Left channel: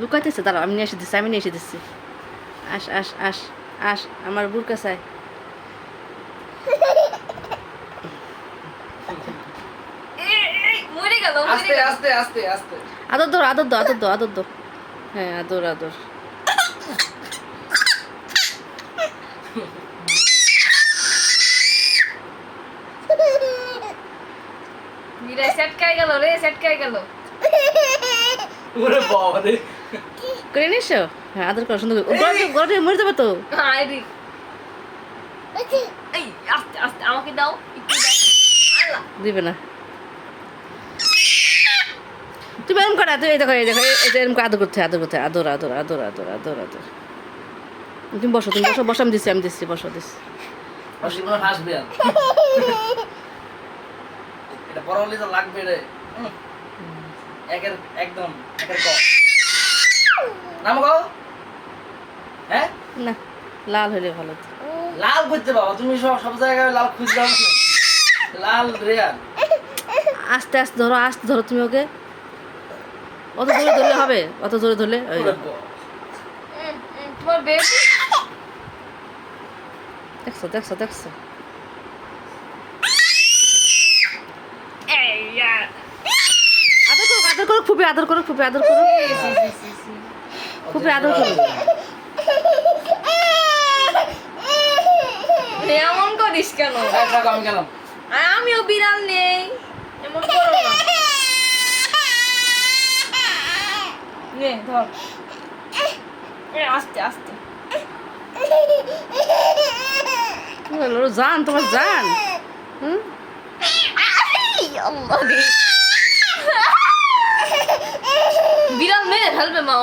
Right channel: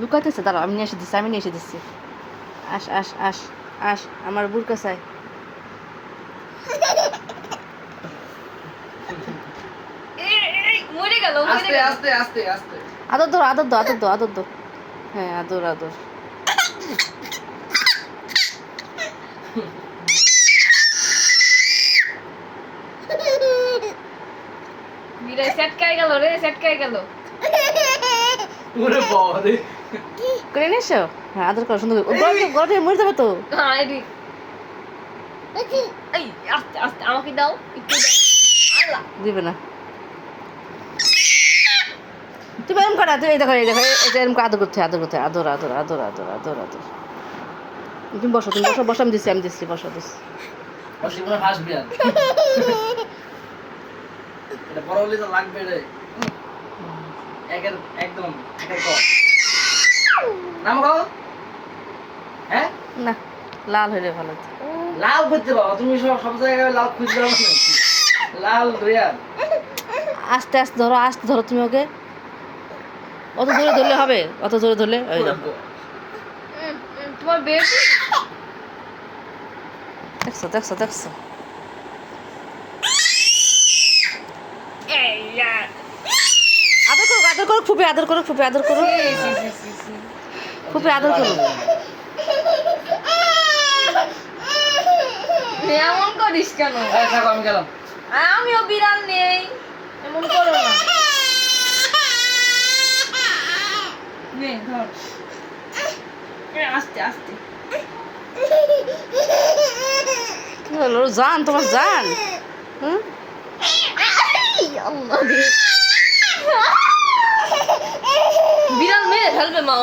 লুকাতেছে, দাঁড়াও আমি নিয়ে এসে দিচ্ছি। আস আস আস আস, আমার বুড়কা চাই। আদর দর আদর দো আদর দো আদর দো, হ্যাঁ আদর আদর। করে নিয়ে এসো, হ্যাঁ আদর করো সুন্দর করে। গলা থেকে মরে যাবে তো। আমাকে দাও, একটু দাও। দিবে না। তুমি এরকম করো, তুই দেখো এই দেখো এরকম আদর করতে, আদর করতে, আদর আদর আদর আদর আদর আদর। তুমি বসো, তুমি বসো, বসো, আমি দিচ্ছি বসো দিচ্ছি। এটা বড় হলে তো লাগবে রে। একদম নাম গাও। হ্যাঁ না, লাল হইলে ভালো। লাল খুঁজতে পাবো, তুমি সব জায়গায় লাল খুঁজতে পাবো না। লাল রিয়ান আস্তে আস্তে ধরো, আস্তে ধরো তুমি ওকে। অত জোরে ধরলে হবে, অত জোরে ধরলে ওই দেখো। তোমার বেবি দেখছো দেখছো দেখছো। আদর করো ফুপি, আদর করো ফুপি, আদর করো ফুপি, আদর করো। এমন করিস কেন? আমি গেলাম। আমিও বিড়াল নেই, এমন করো না। নে ধর, আস্তে আস্তে। কি হলো জান, তোমার জান? হুম, বিড়াল মেরে ফেলবে মা।